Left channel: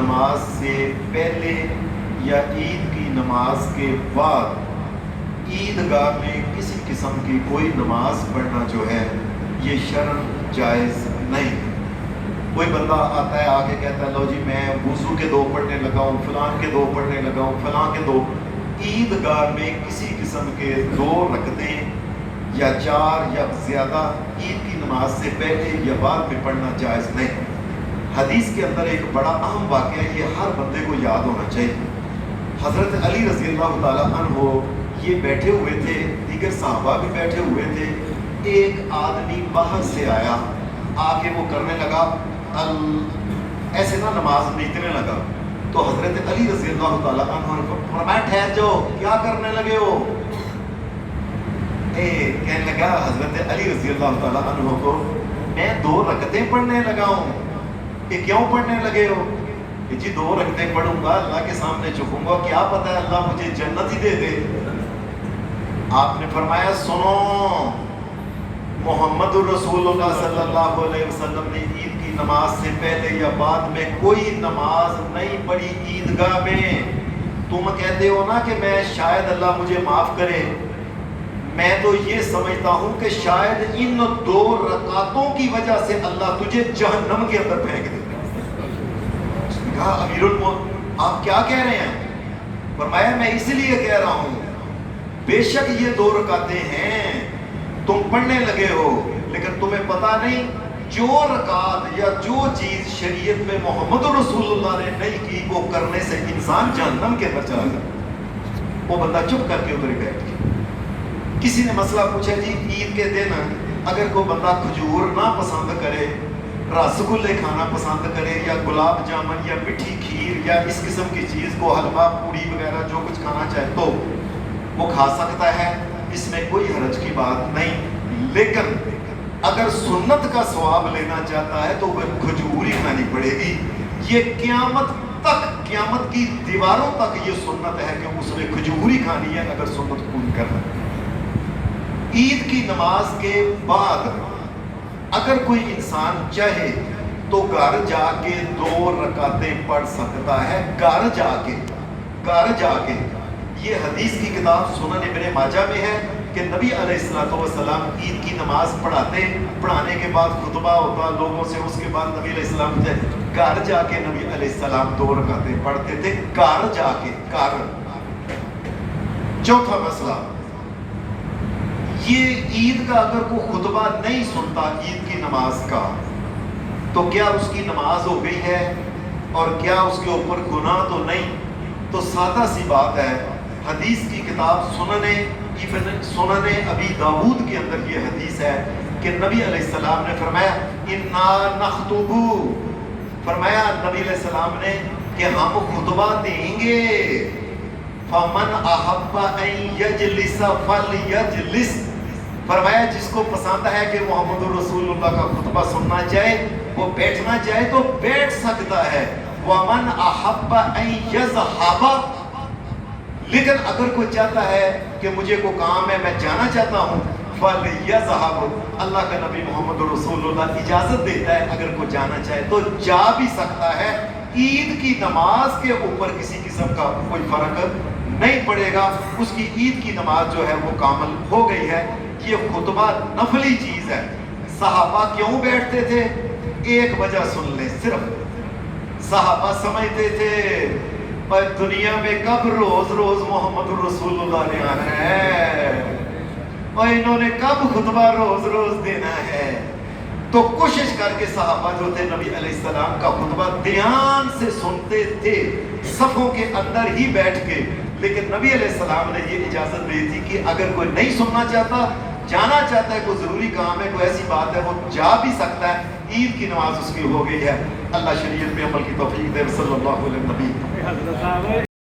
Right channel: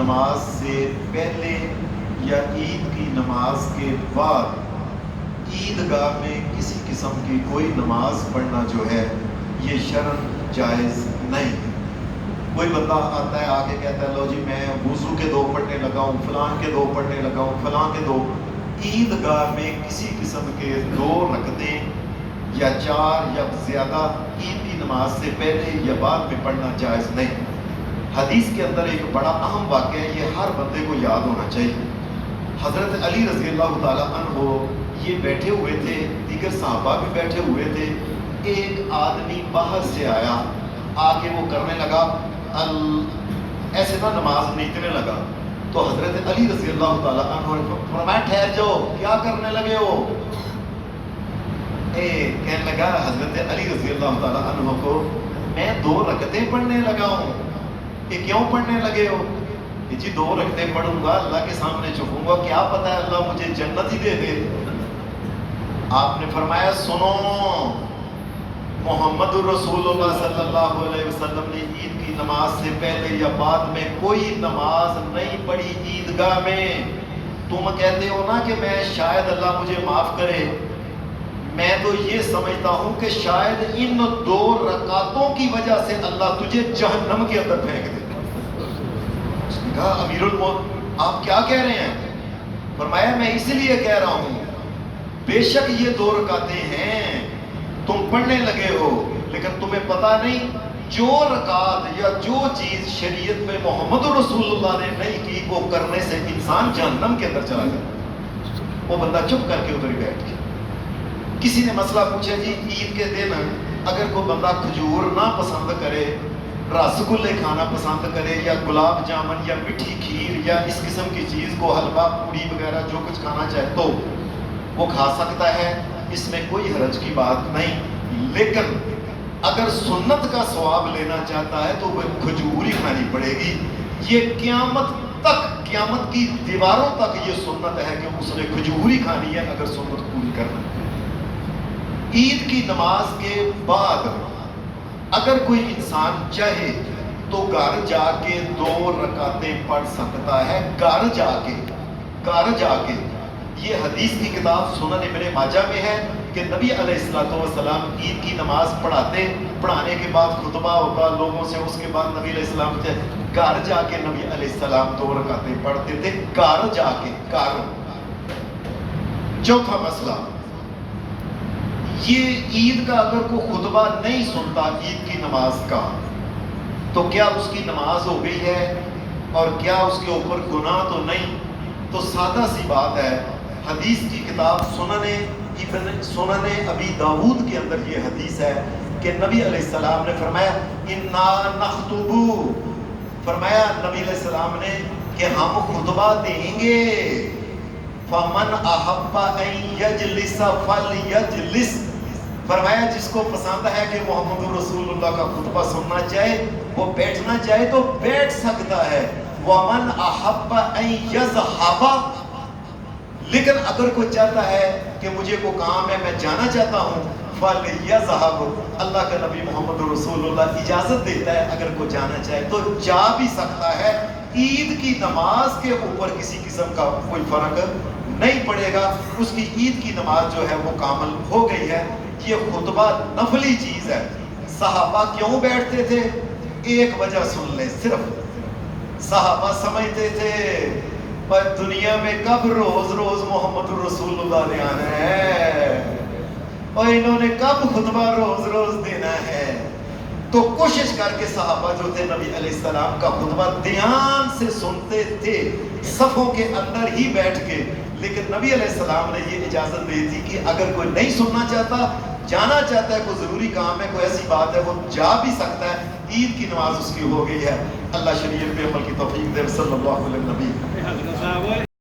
نماز سے پہلے یا عید کی نماز کے بعد عیدگاہ میں کسی قسم کی کوئی نماز پڑھنا جو ہے یہ شرعاً جائز نہیں ہے۔ کوئی بندہ آتا ہے آگے کہتا ہے لو جی میں وضو کے دو پڑھنے لگا ہوں، فلاں کے دو پڑھنے لگا ہوں، فلاں کے دو۔ عیدگاہ میں کسی قسم کے 2 رکعتیں یا 4 یا زیادہ عید کی نماز سے پہلے یا بعد میں پڑھنا جائز نہیں۔ حدیث کے اندر ایک بڑا اہم واقعہ ہے، یہ ہر بندے کو یاد ہونا چاہیے۔ حضرت علی رضی اللہ تعالیٰ عنہ یہ بیٹھے ہوئے تھے، دیگر صحابہ بھی بیٹھے ہوئے تھے۔ ایک آدمی باہر سے آیا، آ کے وہ کرنے لگا ایسے نا نماز نیچنے لگا، تو حضرت علی رضی اللہ تعالیٰ عنہ نے فرمایا ٹھہر جاؤ، کیا کرنے لگے ہو؟ کہنے لگا حضرت علی رضی اللہ تعالیٰ عنہ کو میں 2 رکعتیں پڑھنے لگا ہوں۔ کہ کیوں پڑھنے لگے ہو؟ کہ جی 2 رکعتیں پڑھوں گا، اللہ کے سامنے جھکوں گا، کیا پتہ ہے اللہ مجھے جنت ہی دے دے۔ آپ نے فرمایا سنو، محمد الرسول اللہ صلی اللہ علیہ وسلم نے عید کی نماز سے پہلے یا بعد میں کوئی نماز نہیں پڑھی عیدگاہ میں۔ تم کہتے ہو نا کہ میں شاید اللہ مجھے معاف کرے، میں تو یہ سمجھتا ہوں کہ شاید ان 2 رکعتوں کی وجہ سے اللہ تجھے جہنم کے اندر پھینک دیتا۔ اس نے کہا امیر المومنین آپ کیا کہہ رہے ہیں؟ فرمایا میں اس لیے کہہ رہا ہوں بے شک یہ 2 رکعتیں ہیں، تم پڑھنے لگے ہو، لیکن تمہیں پتہ نہیں جو رکعت یا جو چیز شریعت میں محمد رسول اللہ نے نہیں کی وہ کرنے سے انسان جہنم کے اندر چلا گیا۔ وہ بندہ چپ کر کے ادھر بیٹھ گیا۔ کسی نے مسئلہ پوچھا جی عید کے دن اگر کوئی بندہ کھجور نہ پسند کرے، رس گلے کھانا پسند کرے، یا گلاب جامن یا میٹھی کھیر یا اس قسم کی چیز کو حلوہ پوڑی وغیرہ جو کچھ کھانا چاہے تو وہ کھا سکتا ہے، اس میں کوئی حرج کی بات نہیں۔ لیکن اگر سنت کا ثواب لینا چاہتا ہے تو وہ کھجور ہی کھانی پڑے گی۔ یہ قیامت تک، قیامت کی دیواروں تک یہ سنت ہے کہ اس نے کھجور ہی کھانی ہے اگر سنت پوری کرنا۔ عید کی نماز کے بعد اگر کوئی انسان چاہے تو گھر جا کے 2 رکعتیں پڑھ سکتا ہے، گھر جا کے۔ یہ حدیث کی کتاب سنن ابن ماجہ میں ہے کہ نبی علیہ السلام عید کی نماز پڑھانے کے بعد خطبہ ہوتا لوگوں سے، اس کے بعد نبی علیہ السلام گھر جا کے نبی علیہ السلام 2 رکعتیں پڑھتے تھے، گھر جا کے۔ چوتھا مسئلہ یہ عید کا اگر کوئی خطبہ نہیں سنتا عید کی نماز کا تو کیا اس کی نماز ہو گئی ہے اور کیا اس کے اوپر گناہ تو نہیں؟ تو سادہ سی بات ہے، حدیث کی کتاب سنن ابی داؤد کے اندر یہ حدیث ہے کہ نبی علیہ السلام نے فرمایا انا نخطب، فرمایا نبی علیہ السلام نے کہ ہم خطبہ دیں گے، فمن احب ان یجلس فلیجلس، فرمایا جس کو پسند ہے کہ محمد رسول اللہ کا خطبہ سننا چاہے، وہ بیٹھنا چاہے تو بیٹھ سکتا ہے، ومن احب ان یذهب، لیکن اگر کوئی چاہتا ہے کہ مجھے کو کام ہے میں جانا چاہتا ہوں، فَلْيَذْهَبْ، اللہ کا نبی محمد رسول اللہ اجازت دیتا ہے اگر کوئی جانا چاہے تو جا بھی سکتا ہے۔ عید کی نماز کے اوپر کسی قسم کا کوئی فرق نہیں پڑے گا، اس کی عید کی نماز جو ہے وہ کامل ہو گئی ہے۔ یہ خطبہ نفلی چیز ہے۔ صحابہ کیوں بیٹھتے تھے؟ ایک وجہ سن لیں، صرف صحابہ سمجھتے تھے پر دنیا میں کب روز محمد رسول اللہ نے آنا ہے اور انہوں نے کب خطبہ روز دینا ہے، تو کوشش کر کے صحابہ جو تھے نبی علیہ السلام کا خطبہ دھیان سے سنتے تھے، صفوں کے اندر ہی بیٹھ کے۔ لیکن نبی علیہ السلام نے یہ اجازت دی تھی کہ اگر کوئی نہیں سننا چاہتا، جانا چاہتا ہے، کوئی ضروری کام ہے، کوئی ایسی بات ہے، وہ جا بھی سکتا ہے۔ عید کی نماز اس کی ہو گئی ہے۔ اللہ شریعت پہ عمل کی توفیق دے۔ صلی اللہ علیہ وسلم۔